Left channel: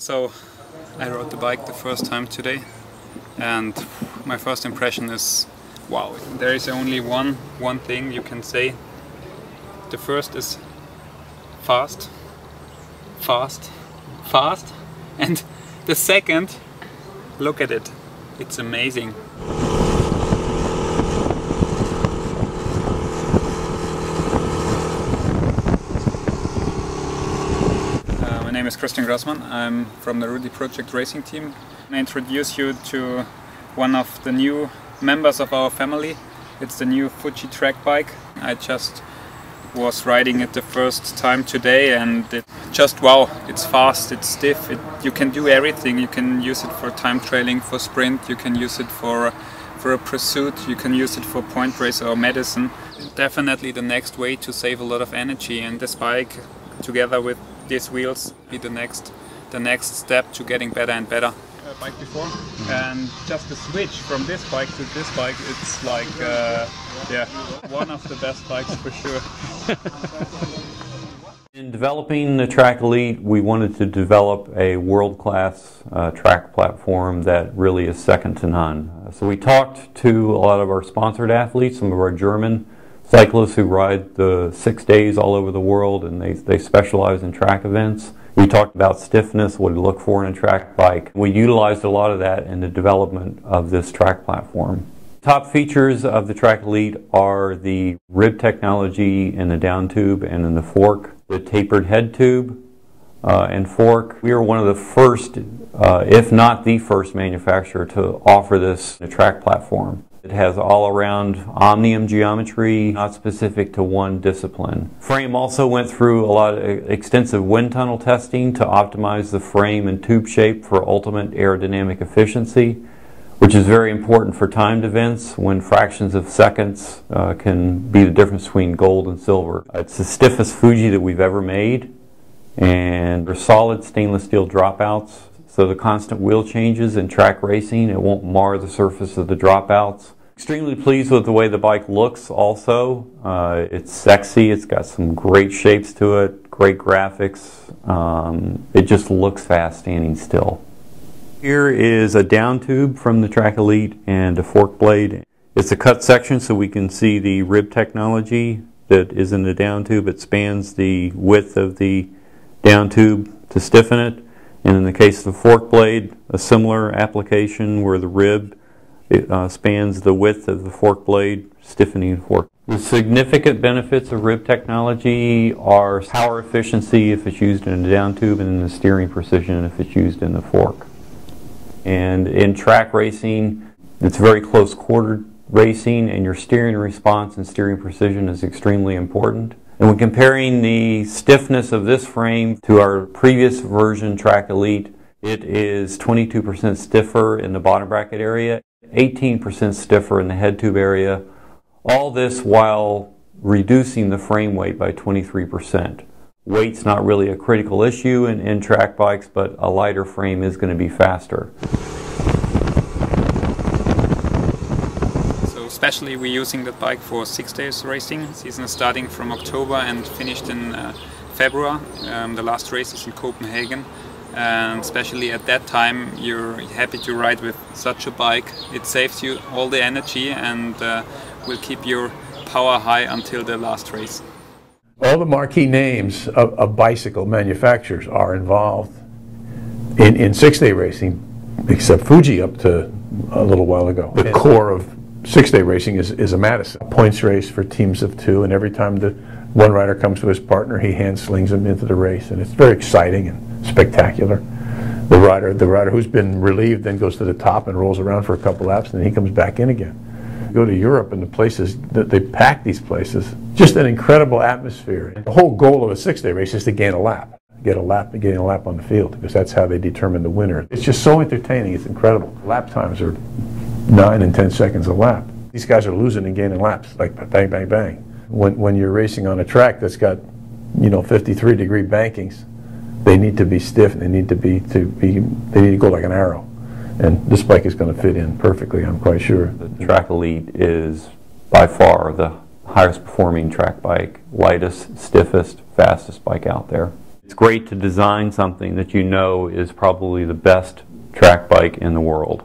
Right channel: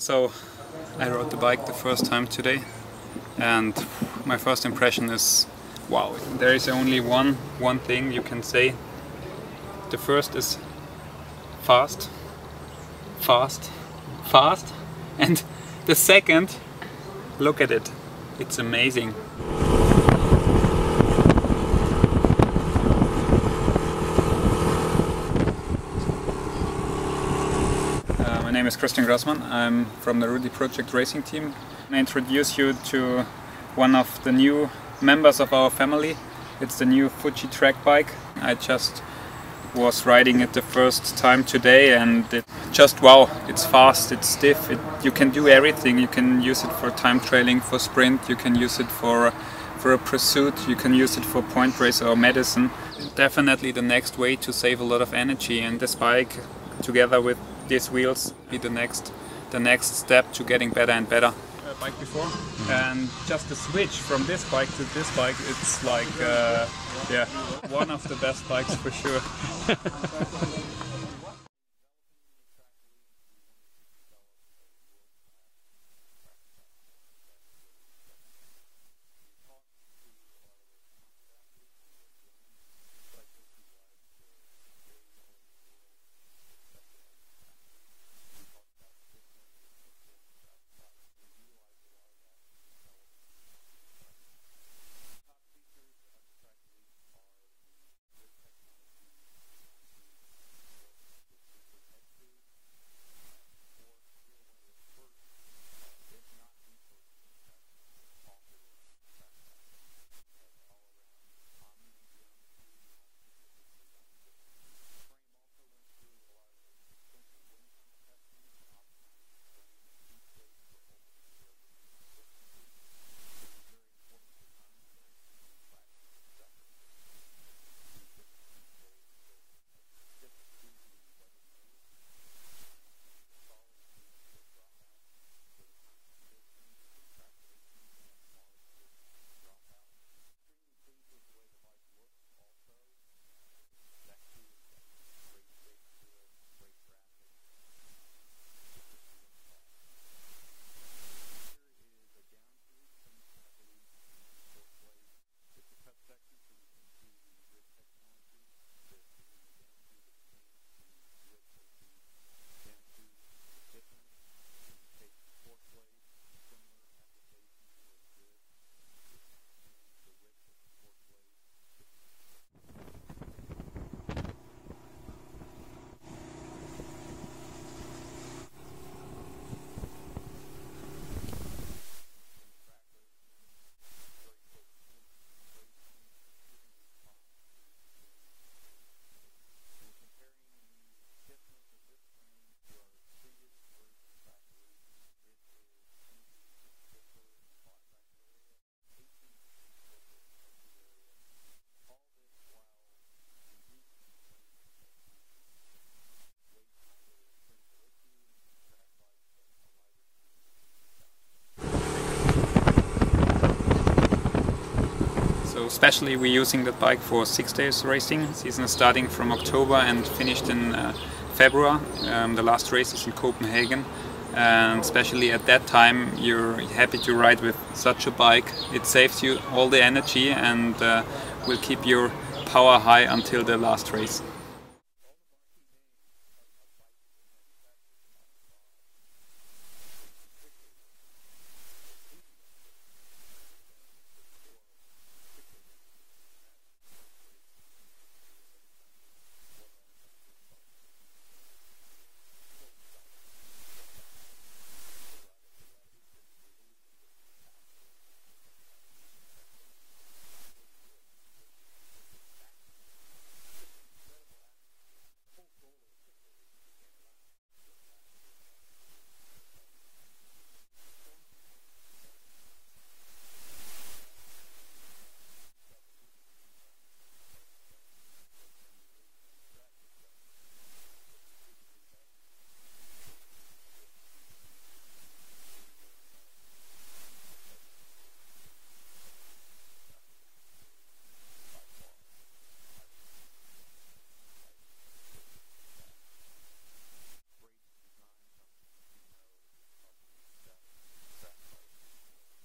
So I rode the bike the first time today, and my first impression is, wow, there is only one thing you can say. The first is fast, and the second, look at it, it's amazing. My name is Kristen Grassman. I'm from the Rudy Project racing team. I introduce you to one of the new members of our family. It's the new Fuji track bike. I just was riding it the first time today, and it just wow, it's fast, it's stiff, you can do everything. You can use it for time trailing, for sprint, you can use it for a pursuit, you can use it for point race or medicine. Definitely the next way to save a lot of energy, and this bike together with these wheels be the next step to getting better and better. Bike before, and just the switch from this bike to this bike, it's like yeah, one of the best bikes for sure. In developing the Track Elite, we wanted to develop a world-class track platform that really is second to none. So we talked to a lot of our sponsored athletes, some of our German cyclists who ride the 6 days all over the world, and they specialize in track events. We talked about stiffness, what to look for in a track bike. We utilized a lot of that in the development of this track platform. Top features of the Track Elite are the rib technology in the down tube and in the fork, the tapered head tube and fork. We are one of the first, if not the first manufacturer to offer this in a track platform. It has all-around omnium geometry, not specific to one discipline. Frame also went through a lot of extensive wind tunnel testing to optimize the frame and tube shape for ultimate aerodynamic efficiency, which is very important for timed events when fractions of seconds can be the difference between gold and silver. It's the stiffest Fuji that we've ever made, and they're solid stainless steel dropouts. So the constant wheel changes in track racing, it won't mar the surface of the dropouts. Extremely pleased with the way the bike looks also. It's sexy, it's got some great shapes to it, great graphics. It just looks fast standing still. Here is a down tube from the Track Elite and a fork blade. It's a cut section so we can see the rib technology that is in the down tube. It spans the width of the down tube to stiffen it. And in the case of the fork blade, a similar application where the rib spans the width of the fork blade, stiffening the fork. The significant benefits of rib technology are power efficiency if it's used in a down tube, and the steering precision if it's used in the fork. And in track racing, it's very close quartered racing, and your steering response and steering precision is extremely important. And when comparing the stiffness of this frame to our previous version Track Elite, it is 22% stiffer in the bottom bracket area, 18% stiffer in the head tube area, all this while reducing the frame weight by 23%. Weight's not really a critical issue in track bikes, but a lighter frame is going to be faster. Especially we're using that bike for 6 days racing. Season is starting from October and finished in February. The last race is in Copenhagen, and especially at that time you're happy to ride with such a bike. It saves you all the energy and will keep your power high until the last race. All the marquee names of bicycle manufacturers are involved in 6-day racing, except Fuji up to a little while ago. The core of 6-day racing is a Madison. A points race for teams of 2, and every time the one rider comes to his partner, he hand slings him into the race, and it's very exciting and spectacular. The rider who's been relieved then goes to the top and rolls around for a couple laps, and then he comes back in again. You go to Europe, and the places that they pack these places, just an incredible atmosphere. The whole goal of a 6-day race is to gain a lap. Gain a lap on the field, because that's how they determine the winner. It's just so entertaining, it's incredible. Lap times are 9 and 10 seconds a lap. These guys are losing and gaining laps, like bang, bang, bang. When you're racing on a track that's got, 53-degree bankings, they need to be stiff, and they need to go like an arrow. And this bike is going to fit in perfectly, I'm quite sure. The Track Elite is by far the highest performing track bike, lightest, stiffest, fastest bike out there. It's great to design something that you know is probably the best track bike in the world.